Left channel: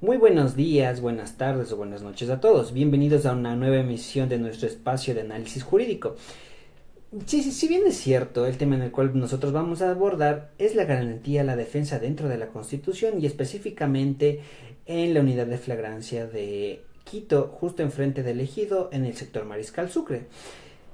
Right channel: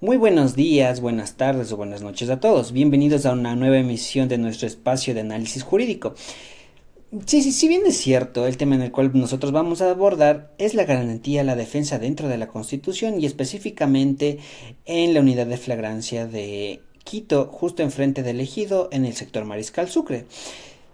Muy buenos días, buenas tardes o buenas noches a todos. Bienvenidos a una nueva emisión de nuestro espacio de análisis jurídico. Sí, sí, si bien es cierto, el tema en el cual nosotros vamos a abordar es la garantía, la defensa dentro de la Constitución y específicamente en la unidad de flagrancia de Quito, justo enfrente del ejido en el sector Mariscal Sucre.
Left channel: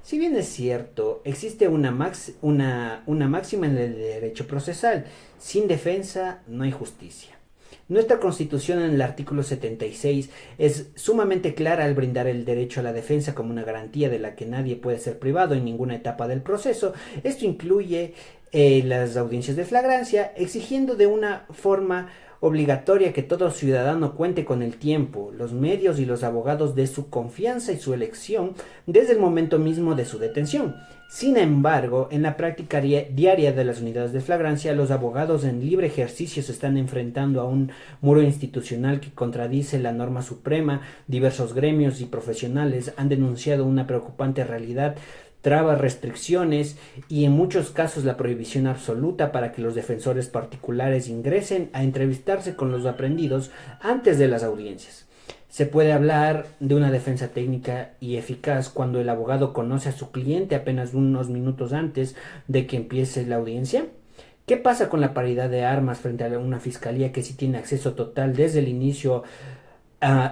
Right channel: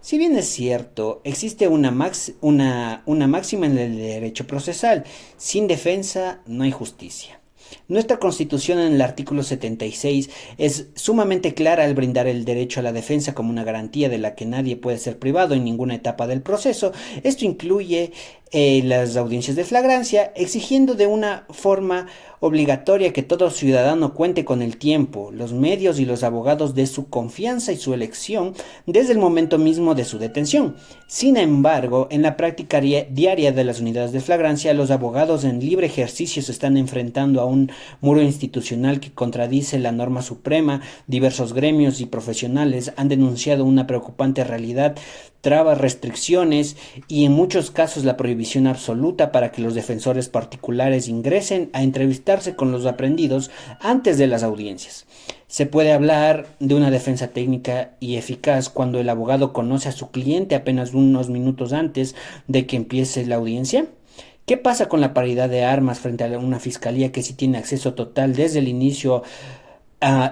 Si bien es cierto, existe una máxima en el derecho procesal: sin defensa no hay justicia. Nuestra Constitución en el artículo 76 es sumamente clara al brindar el derecho a la defensa como una garantía de la que nadie puede ser privado en ninguna etapa del proceso. Esto incluye las audiencias de flagrancia, exigiendo de una forma obligatoria que todo ciudadano cuente con el tiempo, los medios y los abogados de su confianza y su elección desde el momento mismo de su detención. Sin embargo, en la práctica diaria de las unidades de flagrancia, los abogados en libre ejercicio se están enfrentando a un muro institucional que contradice la norma suprema. Diversos gremios y profesionales han denunciado una preocupante realidad: trabas, restricciones y en muchos casos la prohibición absoluta para que los defensores particulares ingresen a entrevistarse con los aprendidos antes de las audiencias. Se puede hablar de una defensa técnica y eficaz cuando el abogado conoce a su cliente apenas unos minutos antes de que empiece la audiencia. ¿Qué pasa con la paridad de armas frente a una fiscalía que sí tiene acceso total desde el inicio?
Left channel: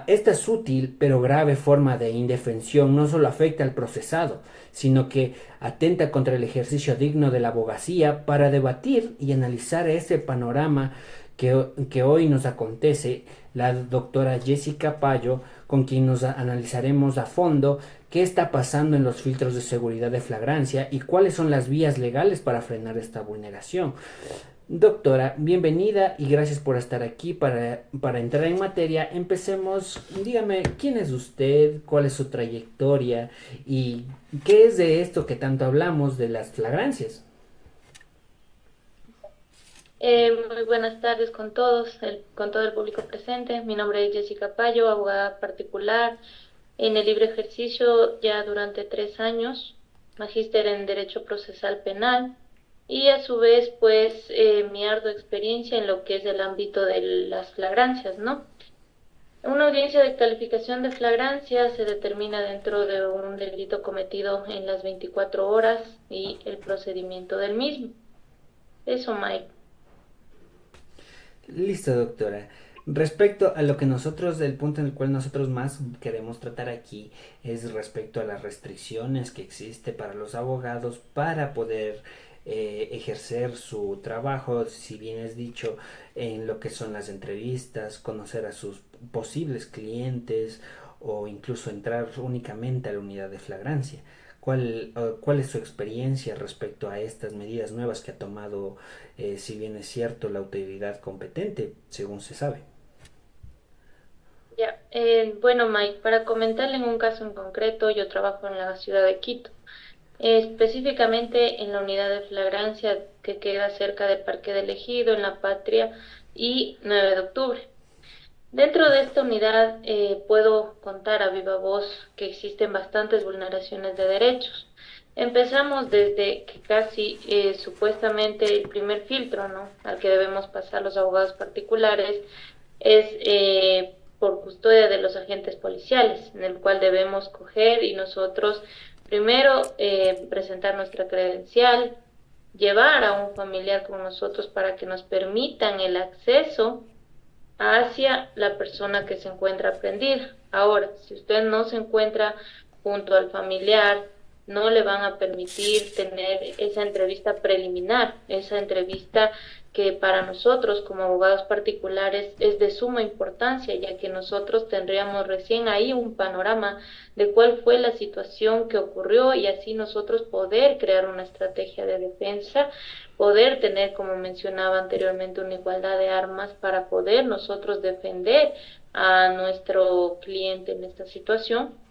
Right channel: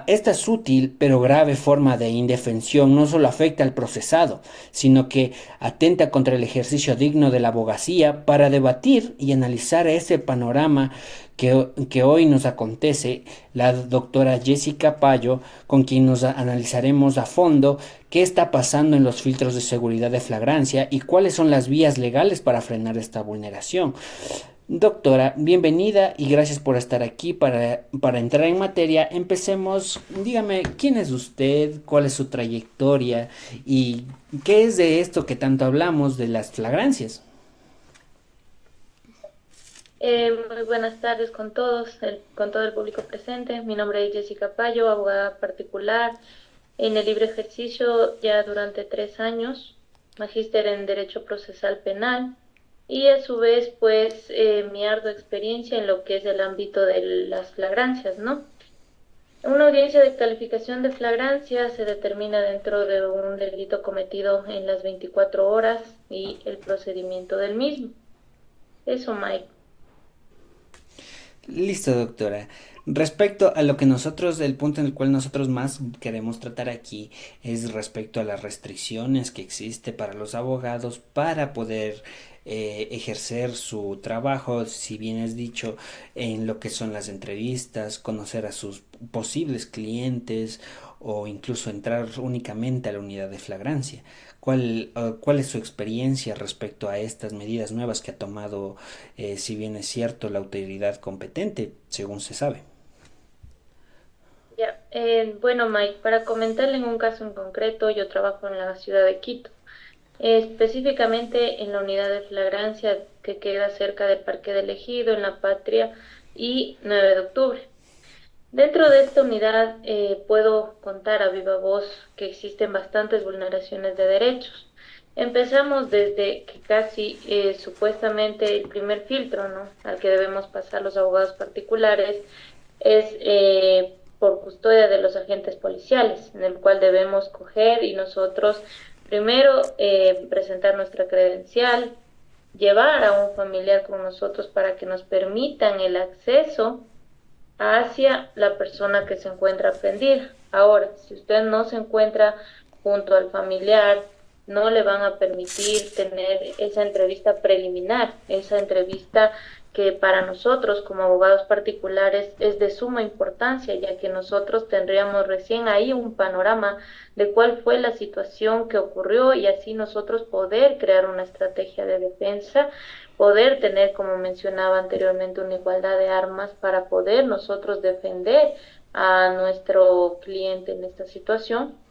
Esta sutil pero grave forma de indefensión no solo afecta al procesado, sino que atenta contra el ejercicio digno de la abogacía para debatir y analizar ese panorama que hoy nos acontece. La doctora Jessica Payo, con quien nos analizaremos a fondo qué está pasando en los filtros de seguridad de flagrancia y cuáles son las vías legales para frenar esta vulneración. Doctora, bienvenida y gracias por estar aquí. Para entrar en materia, empecemos. Dígame, ¿quién es usted? ¿Cuál es su trayectoria? ¿Y qué es de esto que tanto hablamos de las flagrancias? Muy buenas tardes con todos, con todo el público presente. Mi nombre es Jessica Payo, abogada particular en el libre ejercicio ya durante 3 años, magíster en Derecho Procesal Penal y a su vez pues mi ardua experiencia en lo que es el ámbito de las flagrancias, ¿no? Una audiencia de calificación de flagrancia se determina dentro de un delito cometido en las 24 horas y el procedimiento del mismo. Eso, Mike. Listo, doctora. Respecto a lo que nosotros, el punto en el cual nosotros más queremos tratar aquí es respecto a las restricciones que existe para los abogados para poder ejercer su trabajo, si bien es dicho, en lo que son las entrevistas, conocer a sus posibles clientes o incluso entrar únicamente a la unidad de flagrancia. ¿Cuál es su experiencia respecto a estas medidas nuevas que ha tomado, si bien es cierto, la autoridad competente, según se sabe? Ya, bueno, Mike, para comentarle en un caso en concreto, yo trabajo en la ciudad de Quito, específicamente en la unidad de flagrancia que queda cerca del Parque del Ejido, en La Patria y 9 de octubre. Dentro de esta unidad puedo contar a viva voz que existen bastantes vulneraciones de derechos. Empezamos desde que casi supuestamente el primer filtro, ¿no?, al que debemos pasar los abogados particulares es por custodia de los agentes policiales, en el cual debemos coger y nosotros primero presentar nuestra credencial, llevar a un familiar con nosotros para que nos permitan el acceso hacia la persona que se encuentra prendida. Ahora, si usted no se encuentra junto al familiar, no le van a permitir tener esa entrevista preliminar, esa entrevista que para nosotros como abogados particulares es de suma importancia, ya que nosotros tendríamos recién ahí un panorama de cuál fue la situación que ocurrió y así nosotros poder crear una estrategia de defensa, poder tener, como mencionaba anteriormente, una igualdad de armas para poder nosotros defender a nuestro cliente en esta situación.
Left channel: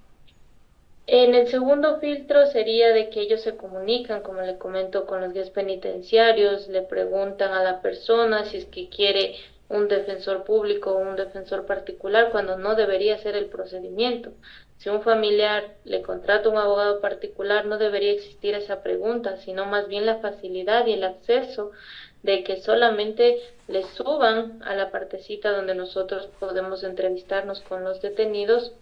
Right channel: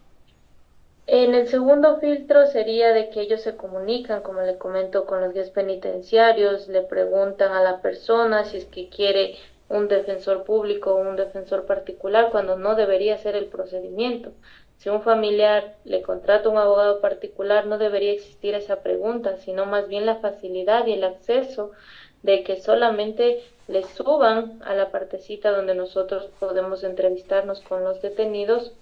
En el segundo filtro sería de que ellos se comunican, como le comento, con los guías penitenciarios, le preguntan a la persona si es que quiere un defensor público o un defensor particular, cuando no debería ser el procedimiento. Si un familiar le contrata un abogado particular, no debería existir esa pregunta, sino más bien la facilidad y el acceso de que solamente les suban a la partecita donde nosotros podemos entrevistarnos con los detenidos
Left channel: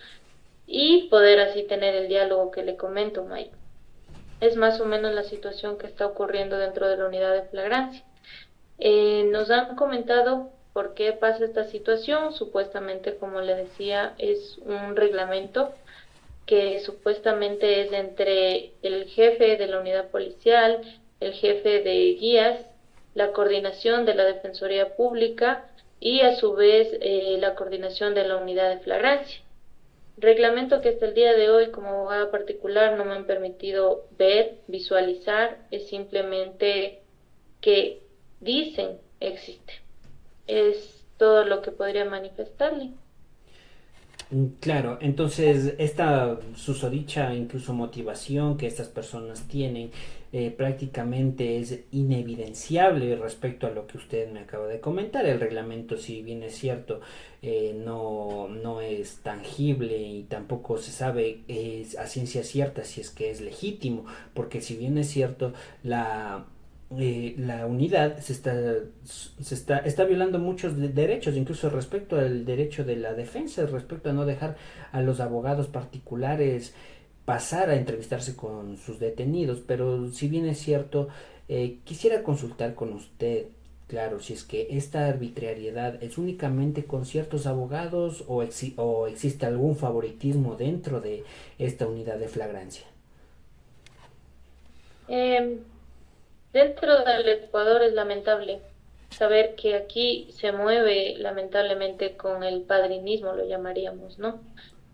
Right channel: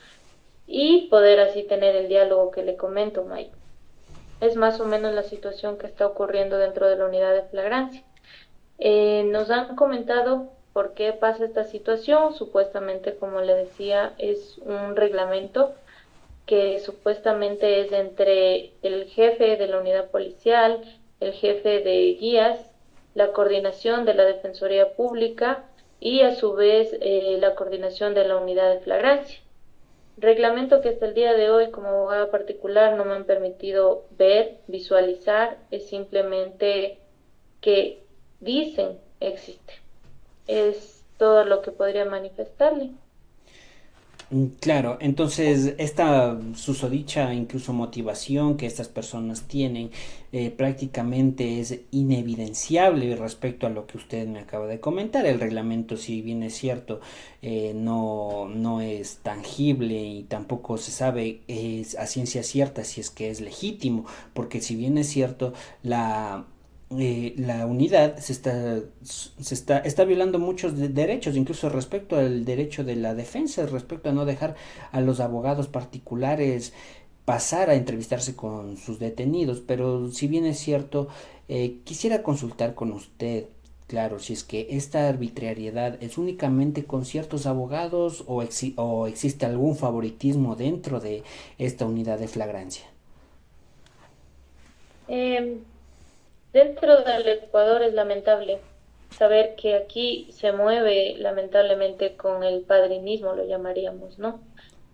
y poder así tener el diálogo que le comento, Mike. Es más o menos la situación que está ocurriendo dentro de la unidad de flagrancia. Nos han comentado por qué pasa esta situación. Supuestamente, como le decía, es un reglamento que supuestamente es entre el jefe de la unidad policial, el jefe de guías, la coordinación de la Defensoría Pública y a su vez la coordinación de la unidad de flagrancia. Reglamento que hasta el día de hoy como abogada particular no me han permitido ver, visualizar, es simplemente que dicen existe. Es todo lo que podría manifestarle. Claro, entonces esta susodicha incluso motivación que estas personas tienen prácticamente es inevidenciable respecto a lo que usted me acaba de comentar. El reglamento, si bien es cierto, no es tangible y tampoco se sabe a ciencia cierta si es que es legítimo, porque si bien es cierto, la unidad está violando muchos derechos, incluso respecto al derecho de la defensa, respecto a no dejar a los abogados particulares pasar a entrevistarse con sus detenidos. Pero si bien es cierto, quisiera consultar con usted, claro, si es que esta arbitrariedad es únicamente con ciertos abogados o existe algún favoritismo dentro de esta unidad de flagrancia. Eh, Dentro del Ecuador es lamentable saber que aquí se mueve lamentablemente con el padrinismo, lo llamaríamos, ¿no?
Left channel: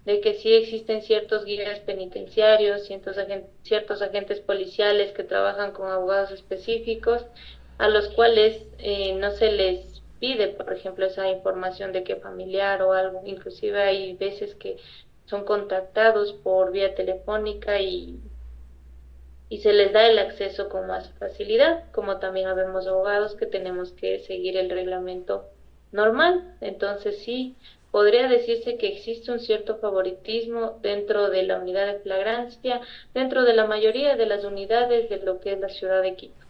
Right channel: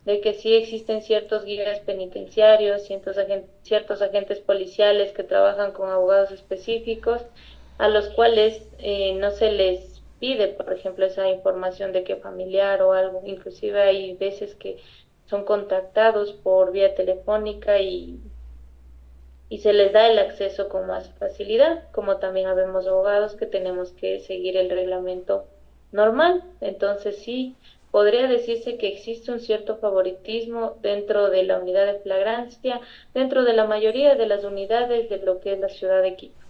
De que sí existen ciertos guías penitenciarios, ciertos agentes policiales que trabajan con abogados específicos, a los cuales no se les pide, por ejemplo, esa información de que familiar o algo. Inclusive hay veces que son contactados por vía telefónica y se les da el acceso con más facilidad, como también habemos abogados que tenemos que seguir el reglamento normal. Entonces sí, podría decirse que existe un cierto favoritismo dentro de la unidad de flagrancia, dentro de la mayoría de las unidades de lo que es la ciudad de Quito.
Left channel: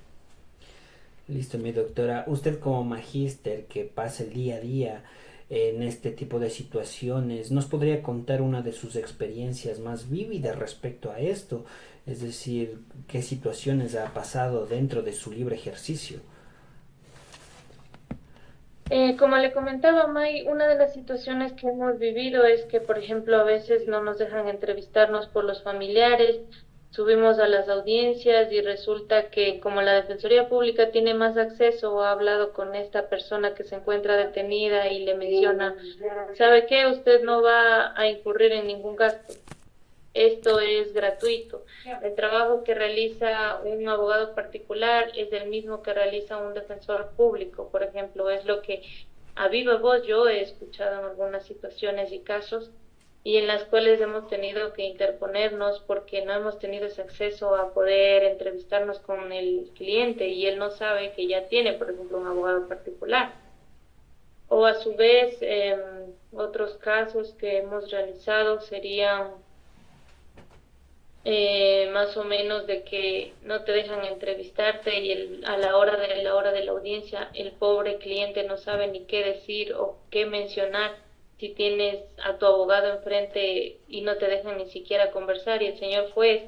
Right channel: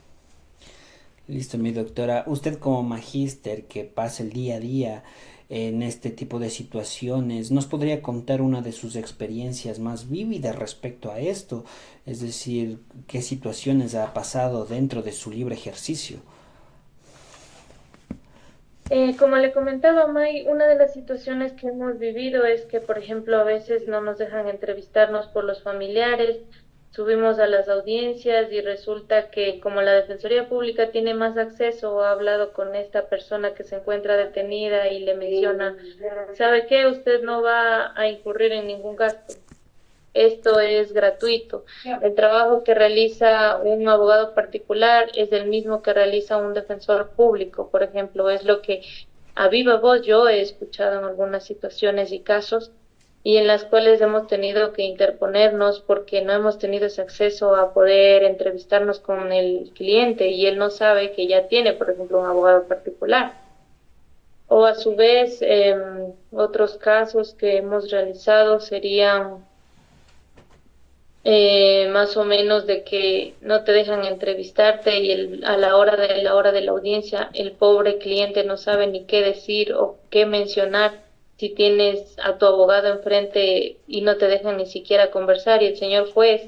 Listo, mi doctora. Usted como magíster que pasa el día a día en este tipo de situaciones, ¿nos podría contar una de sus experiencias más vívidas respecto a esto? Es decir, ¿qué situaciones ha pasado dentro de su libre ejercicio? Como le comentaba May, una de las situaciones que hemos vivido es que, por ejemplo, a veces no nos dejan entrevistarnos por los familiares, subimos a las audiencias y resulta que como la Defensoría Pública tiene más acceso o ha hablado con esta persona que se encuentra detenida y le menciona, ¿sabe qué? Usted no va a incurrir en ningún gasto. Esto es gratuito. El trabajo que realiza un abogado particular es el mismo que realiza un defensor público, por ejemplo. Es lo que a viva voz yo he escuchado en algunas situaciones y casos y en las cuales hemos tenido que interponernos porque no hemos tenido ese acceso a poder entrevistarnos con el cliente y él no sabe que ya tiene, por ejemplo, un abogado particular. O a su vez, otros casos que hemos realizado serían más o menos de que no te dejan entrevistarte y a la hora de la audiencia el pobre cliente no sabe ni qué decir o qué mencionar si tienes a tu abogado enfrente y no te dejan ni siquiera conversar y el señor juez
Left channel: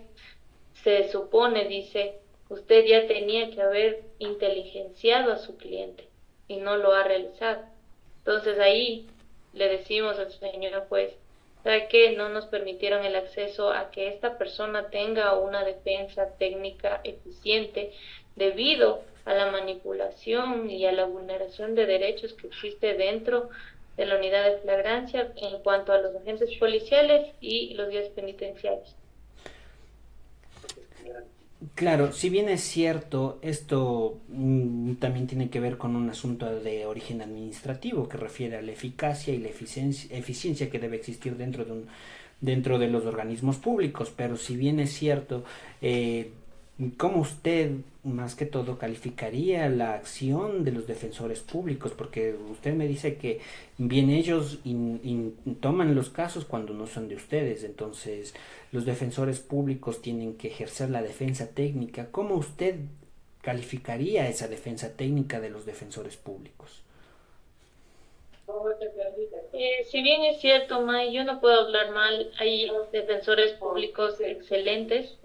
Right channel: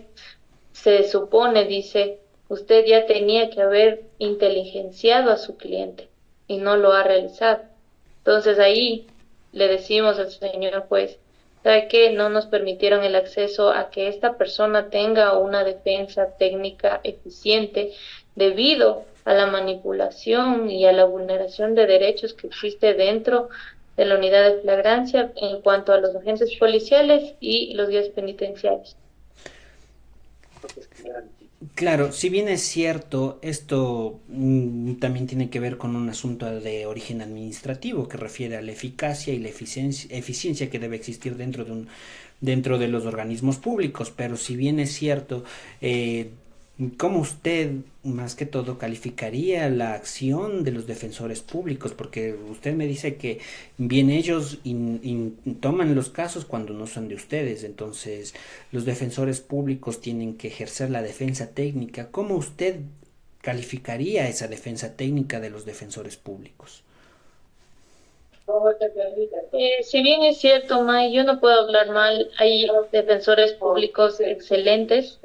se supone, dice, usted ya tenía que haber inteligenciado a su cliente y no lo ha realizado. Entonces ahí le decimos al señor juez, ¿sabe qué? No nos permitieron el acceso a que esta persona tenga una defensa técnica eficiente debido a la manipulación y a la vulneración de derechos que existe dentro de la unidad de flagrancia en cuanto a los agentes policiales y los guías penitenciarios. Claro, si bien es cierto, esto también tiene que ver con un asunto de origen administrativo que refiere a la eficacia y la eficiencia que debe existir dentro de los organismos públicos. Pero si bien es cierto, ¿cómo usted más que todo calificaría la acción de los defensores públicos? Porque usted me dice que bien ellos toman los casos cuando no son de ustedes, entonces los defensores públicos tienen que ejercer la defensa técnica. ¿Cómo usted calificaría esa defensa técnica de los defensores públicos? Si bien es cierto, May, yo no puedo hablar mal, hay defensores públicos excelentes,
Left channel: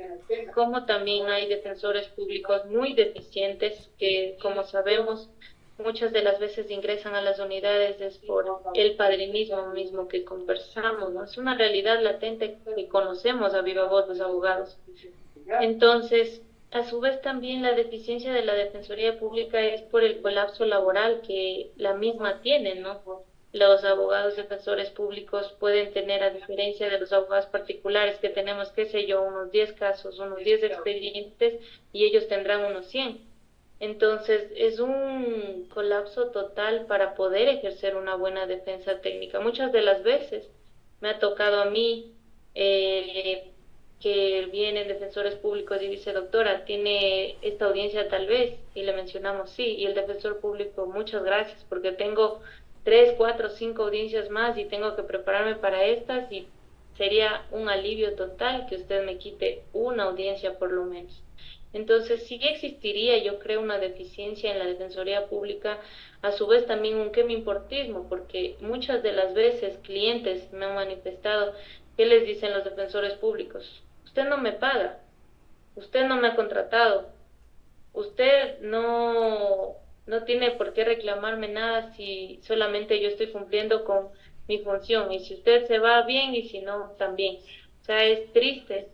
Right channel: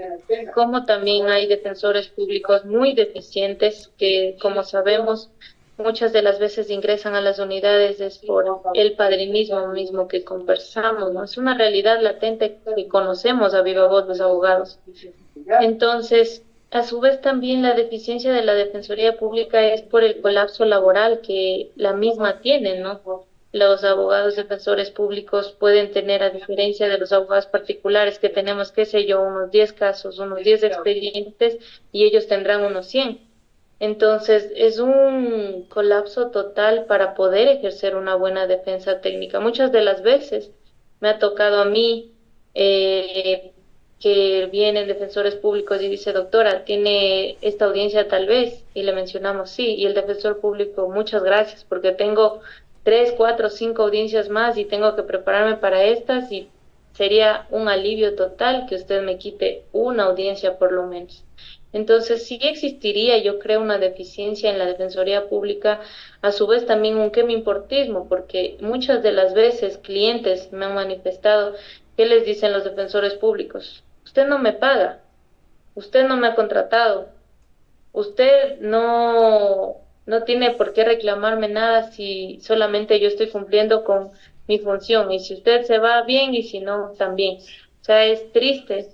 como también hay defensores públicos muy deficientes que, como sabemos, muchas de las veces ingresan a las unidades es por el padrinismo mismo que conversamos, ¿no? Es una realidad latente que conocemos a viva voz los abogados. Entonces, a su vez también la deficiencia de la Defensoría Pública es por el colapso laboral que la misma tiene, ¿no? Los abogados defensores públicos pueden tener, a diferencia de los abogados particulares que tenemos, qué sé yo, unos 10 casos, unos 10 expedientes y ellos tendrán unos 100. Entonces, es un colapso total para poder ejercer una buena defensa técnica. Muchas de las veces me ha tocado a mí eh, que vienen defensores públicos y dice, doctora, ¿tiene esta audiencia tal vez? Y le mencionamos sí, y el defensor público, muchas gracias, porque tengo 3, 4, 5 audiencias más y tengo que prepararme para estas y sería un alivio total que usted me quite una audiencia por lo menos. Entonces, sí existiría, yo creo, una deficiencia en la Defensoría Pública, a su vez también un qué me importismo, porque muchas de las veces clientes me han manifestado, ¿qué les dicen los defensores públicos? Usted no me paga, usted no me ha contratado, usted no tiene por qué reclamarme nada si solamente yo estoy cumpliendo con mi función, y si usted se va bien y si no, también. O sea, es triste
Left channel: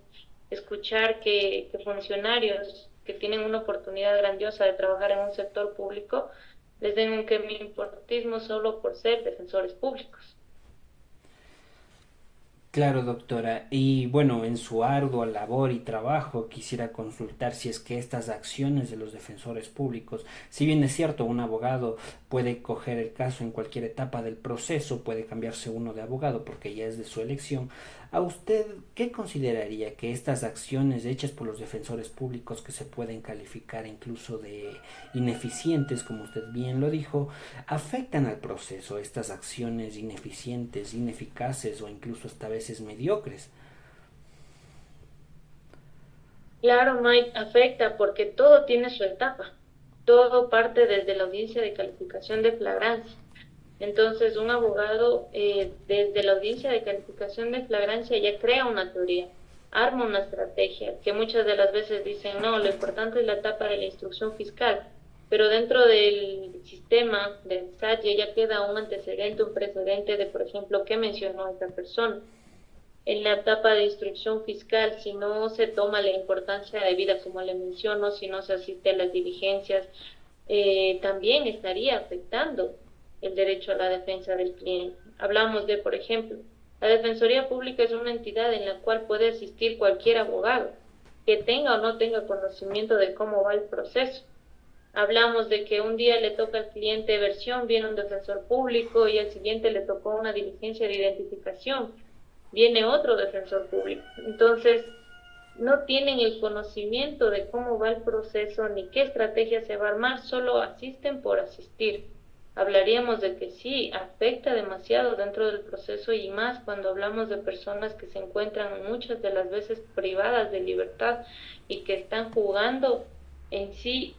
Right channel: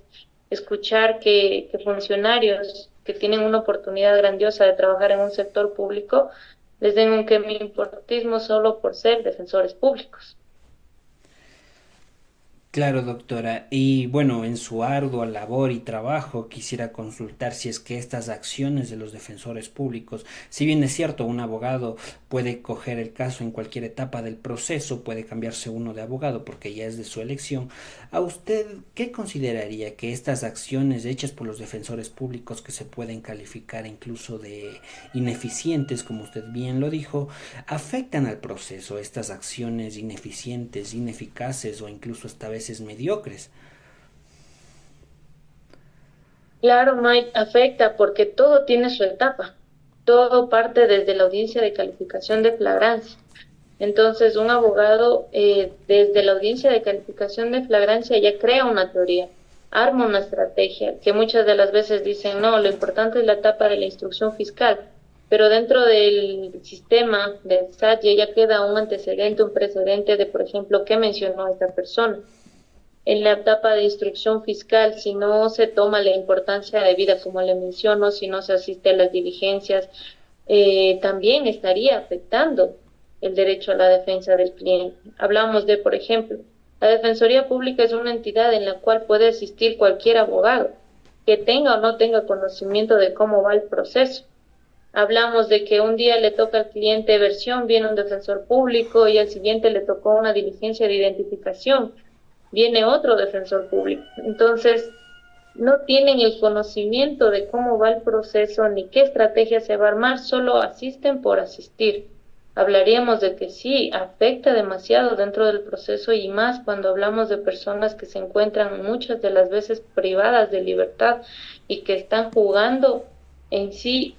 escuchar que funcionarios que tienen una oportunidad grandiosa de trabajar en un sector público les den un que me importismo solo por ser defensores públicos. Claro, doctora. Y bueno, en su ardua labor y trabajo quisiera consultar si es que estas acciones de los defensores públicos, si bien es cierto, un abogado puede coger el caso en cualquier etapa del proceso, puede cambiarse uno de abogado porque ya es de su elección, ¿a usted qué consideraría que estas acciones hechas por los defensores públicos, que se pueden calificar incluso de ineficientes, como usted bien lo dijo, afectan al proceso, estas acciones ineficientes, ineficaces o incluso hasta veces mediocres? Claro, Mike, afecta porque todo tiene su etapa. Todo parte desde la audiencia de calificación de flagrancia. Entonces, un abogado desde la audiencia de calificación de flagrancia ya crea una teoría, arma una estrategia, que muchas de las veces dicen, no, lo importante es la etapa de la instrucción fiscal, pero dentro del sistema del SAT ya queda un antecedente, un precedente de, por ejemplo, qué mencionó esta persona. En la etapa de instrucción fiscal, si no se toma la importancia debida, como le menciono, si no se asiste a las diligencias, también estaría afectando el derecho a la defensa del cliente. Hablamos de, por ejemplo, la Defensoría Pública es una entidad en la cual puede asistir cualquier abogado que tenga o no tenga conocimiento de cómo va el proceso. Hablamos de que un día le toca al cliente versión, viene un defensor público y al siguiente le tocó una diligencia de identificación, viene otro defensor público. Entonces, no tienen el conocimiento de cómo va el proceso ni qué estrategia se va a armar, solo asisten por asistir. Hablaríamos de que sí, afecta demasiado dentro del proceso y más cuando hablamos de personas que se encuentran muchas de las veces privadas de libertad y que están jugando en sí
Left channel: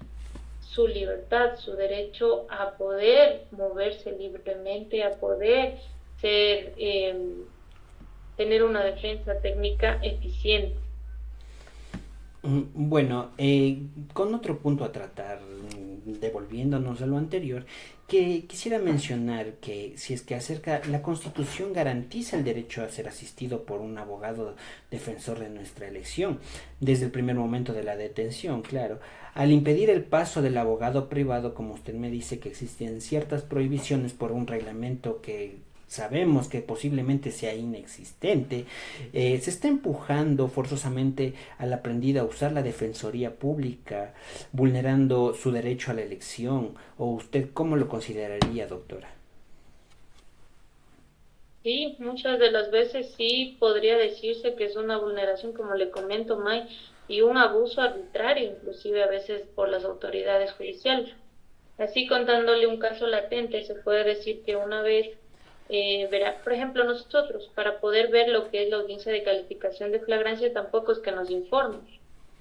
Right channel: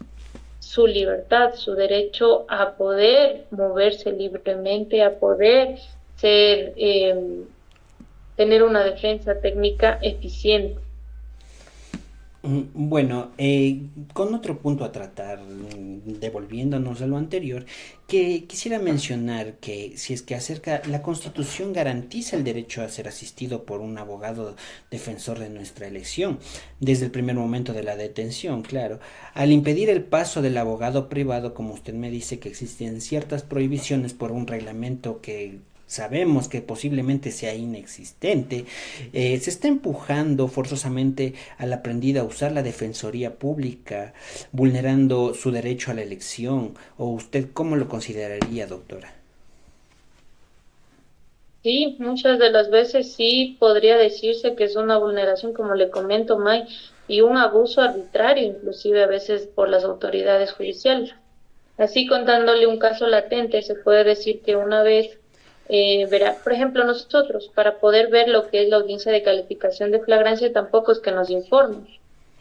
su libertad, su derecho a poder moverse libremente, a poder ser, tener una defensa técnica eficiente. Bueno, con otro punto a tratar, devolviéndonos a lo anterior, que quisiera mencionar que si es que acerca, la Constitución garantiza el derecho a ser asistido por un abogado defensor de nuestra elección, desde el primer momento de la detención, claro. Al impedir el paso del abogado privado, como usted me dice que existen ciertas prohibiciones por un reglamento que sabemos que posiblemente sea inexistente, se está empujando forzosamente al aprendido a usar la defensoría pública, vulnerando su derecho a la elección. ¿O usted cómo lo consideraría, doctora? Sí, muchas de las veces sí podría decirse que es una vulneración, como le comento, May, y un abuso arbitrario, inclusive a veces por las autoridades judiciales. Así, contándole un caso latente, se puede decir que una vez, verá, por ejemplo, nosotros, para poder ver lo que es la audiencia de calificación de flagrancia, tampoco es que nos informen.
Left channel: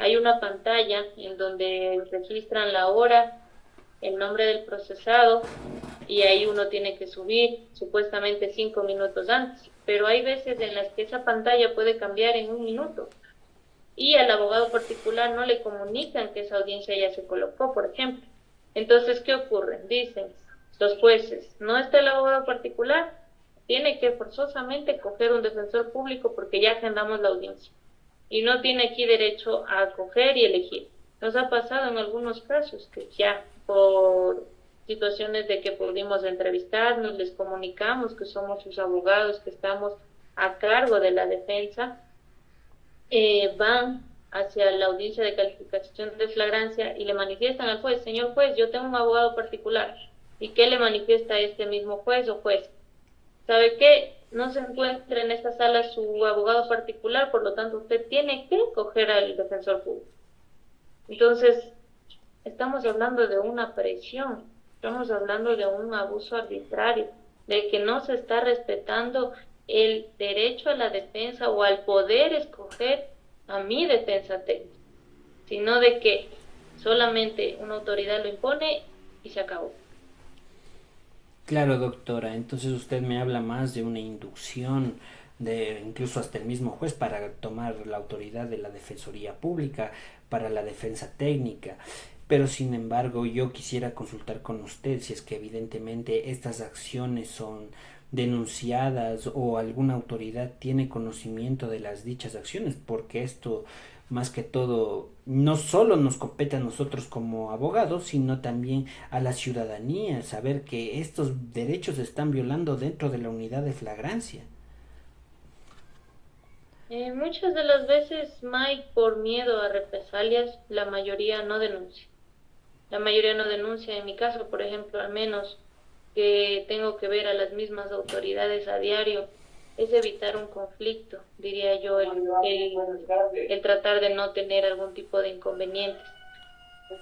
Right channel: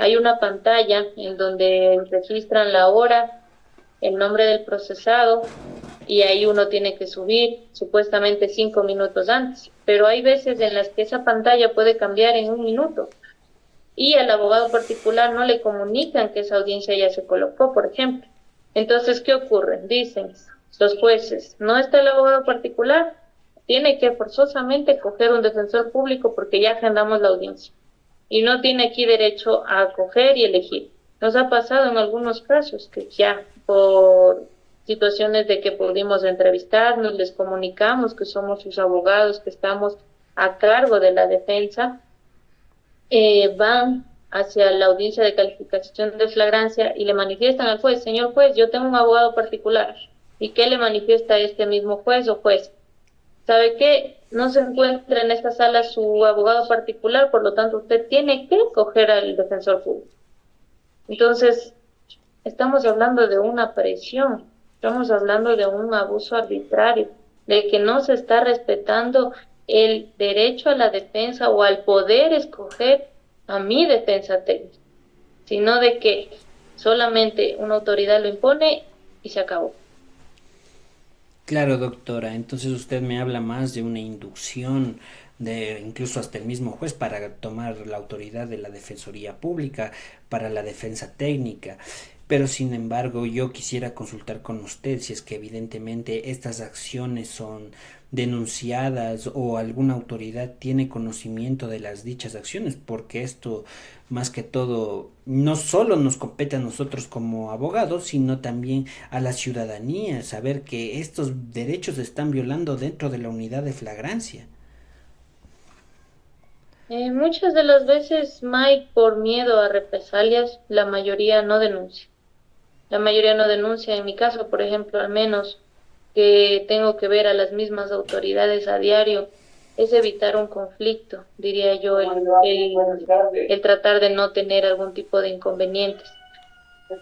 hay una pantalla en donde registran la hora, el nombre del procesado, y ahí uno tiene que subir supuestamente 5 minutos antes, pero hay veces en las que esa pantalla puede cambiar en un minuto y al abogado particular no le comunican que esa audiencia ya se colocó, por ejemplo. Entonces, ¿qué ocurre? Dicen los jueces, no está el abogado particular, tiene que forzosamente coger un defensor público porque ya agendamos la audiencia y no tiene aquí derecho a coger y elegir. Nos ha pasado en algunos casos que ya por situaciones de que pudimos entrevistarnos, les comunicamos que somos sus abogados, que estamos a cargo de la defensa, van hacia la audiencia de calificación de flagrancia y le manifiestan al juez, señor juez, yo tengo un abogado particular. ¿Y qué le manifiesta este mismo juez o juez? ¿Sabe qué? No se encuentra en esta sala su abogado particular, por lo tanto usted tiene que coger al defensor público. Entonces, estamos hablando de una presión, estamos hablando de un abuso arbitrario, de que no se está respetando el derecho a la defensa o al poder escoger a mi defensa técnica, sino de que solamente una autoridad lo impone y se acabó. Claro, doctora. Entonces usted me habla más de una inducción de incluso hasta el mismo juez para tomar la autoridad de la Defensoría Pública, para la defensa técnica. Pero sin embargo, yo quisiera consultar con usted si es que evidentemente estas acciones son denunciadas o alguna autoridad tiene conocimiento de las dichas acciones, porque esto más que todo no solo nos compete a nosotros como abogados, sino también a la ciudadanía, saber que estos derechos se están violando dentro de la unidad de flagrancia. Muchas de las veces, Mike, por miedo a represalias, la mayoría no denuncia. La mayoría no denuncia. En mi caso, por ejemplo, al menos que tengo que ver a las mismas autoridades a diario, es evitar un conflicto, diría yo, el tratar de no tener algún tipo de inconvenientes.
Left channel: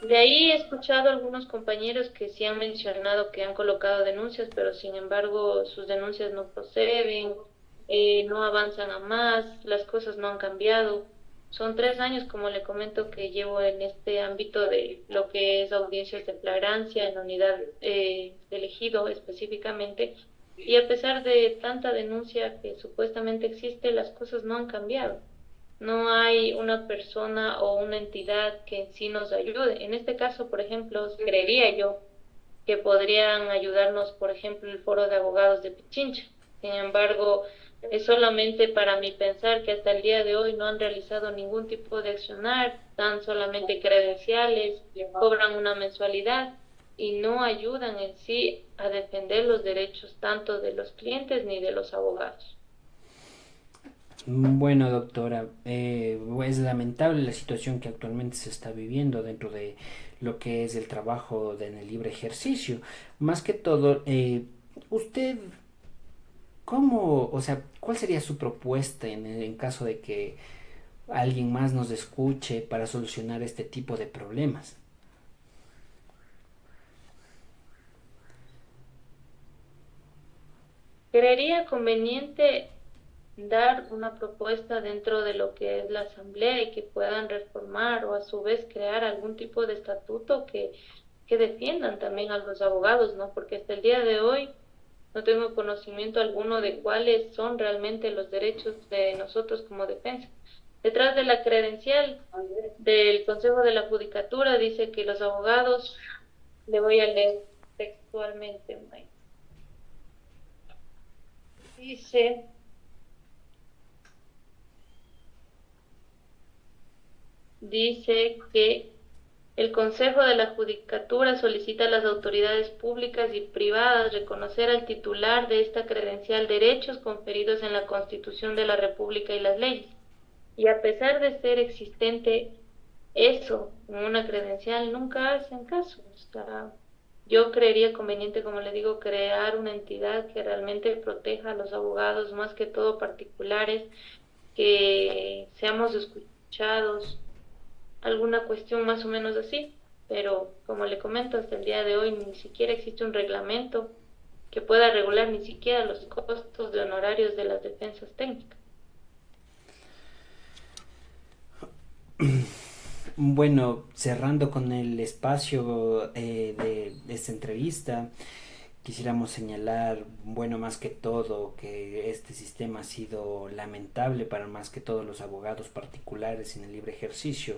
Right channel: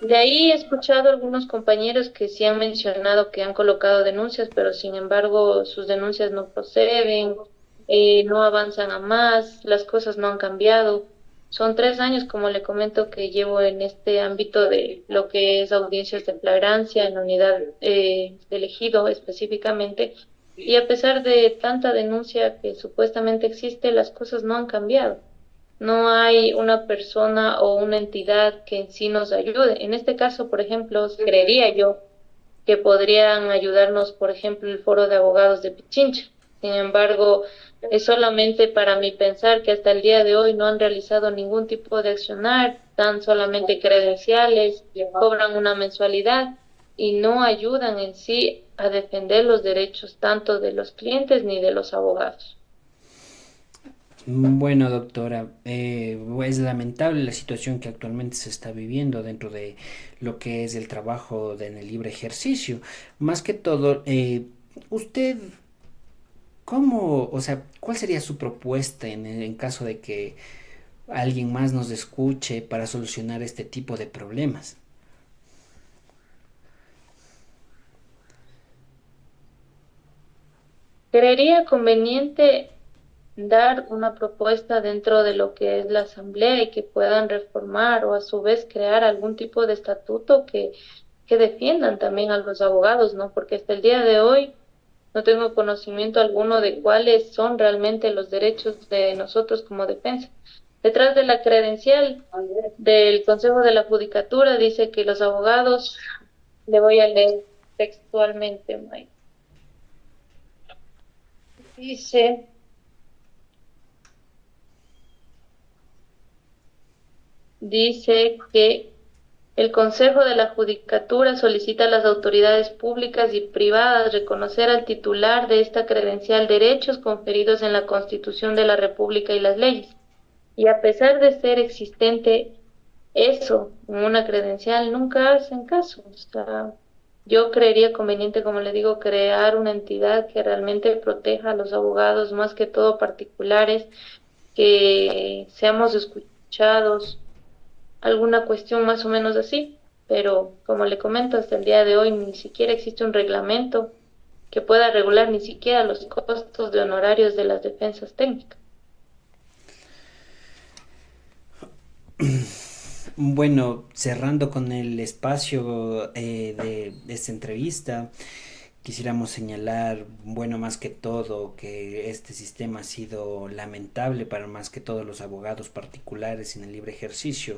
De ahí he escuchado a algunos compañeros que sí han mencionado que han colocado denuncias, pero sin embargo sus denuncias no proceden, no avanzan a más, las cosas no han cambiado. Son 3 años, como le comento, que llevo en este ámbito de lo que es audiencias de flagrancia en la unidad de elegido específicamente, y a pesar de tanta denuncia que supuestamente existe, las cosas no han cambiado. No hay una persona o una entidad que en sí nos ayude. En este caso, por ejemplo, creería yo que podrían ayudarnos, por ejemplo, el Foro de Abogados de Pichincha. Sin embargo, es solamente para mi pensar que hasta el día de hoy no han realizado ningún tipo de accionar, dan solamente credenciales, cobran una mensualidad y no ayudan en sí a defender los derechos tanto de los clientes ni de los abogados. Bueno, doctora, es lamentable la situación que actualmente se está viviendo dentro de lo que es el trabajo en el libre ejercicio. Más que todo, usted, ¿cómo, o sea, cuál sería su propuesta en caso de que alguien más nos escuche para solucionar este tipo de problemas? Creería conveniente dar una propuesta dentro de lo que es la asamblea y que puedan reformar o a su vez crear algún tipo de estatuto que defiendan también a los abogados, ¿no? Porque hasta el día de hoy no tengo conocimiento alguno de cuáles son realmente los derechos de nosotros como defensa. Detrás de la credencial del Consejo de la Judicatura dice que los abogados, le voy a leer textualmente, Mike. Dice, dice que el Consejo de la Judicatura solicita a las autoridades públicas y privadas reconocer al titular de esta credencial derechos conferidos en la Constitución de la República y las leyes. Y a pesar de ser existente eso en una credencial, nunca hacen caso. O sea, yo creería conveniente, como le digo, crear una entidad que realmente proteja a los abogados, más que todo particulares, que seamos escuchados, alguna cuestión más o menos así. Pero como le comento, hasta el día de hoy ni siquiera existe un reglamento que pueda regular ni siquiera los costos de honorarios de las defensas técnicas. Bueno, cerrando con el espacio de esta entrevista, quisiéramos señalar, bueno, más que todo, que este sistema ha sido lamentable para más que todos los abogados particulares en el libre ejercicio,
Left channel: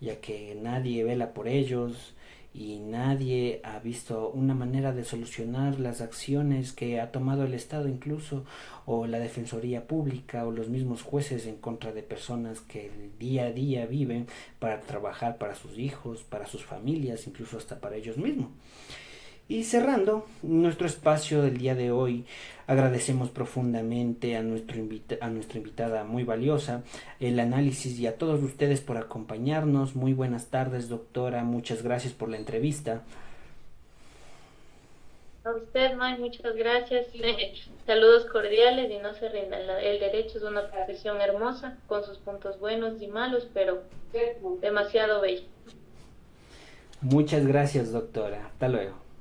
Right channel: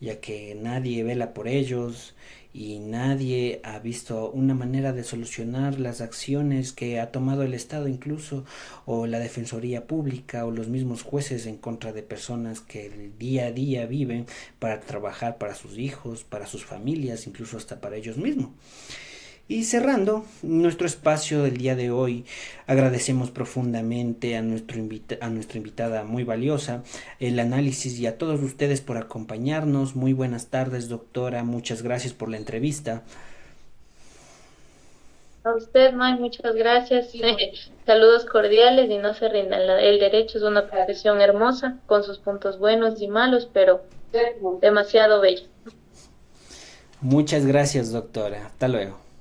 ya que nadie vela por ellos y nadie ha visto una manera de solucionar las acciones que ha tomado el Estado incluso, o la Defensoría Pública, o los mismos jueces en contra de personas que el día a día viven para trabajar para sus hijos, para sus familias, incluso hasta para ellos mismos. Y cerrando nuestro espacio del día de hoy, agradecemos profundamente a, a nuestra invitada muy valiosa, el análisis, y a todos ustedes por acompañarnos. Muy buenas tardes, doctora. Muchas gracias por la entrevista. A usted, May, muchas gracias. Saludos cordiales y no se rindan. El derecho es una profesión hermosa, con sus puntos buenos y malos, pero demasiado bello. Muchas gracias, doctora. Hasta luego.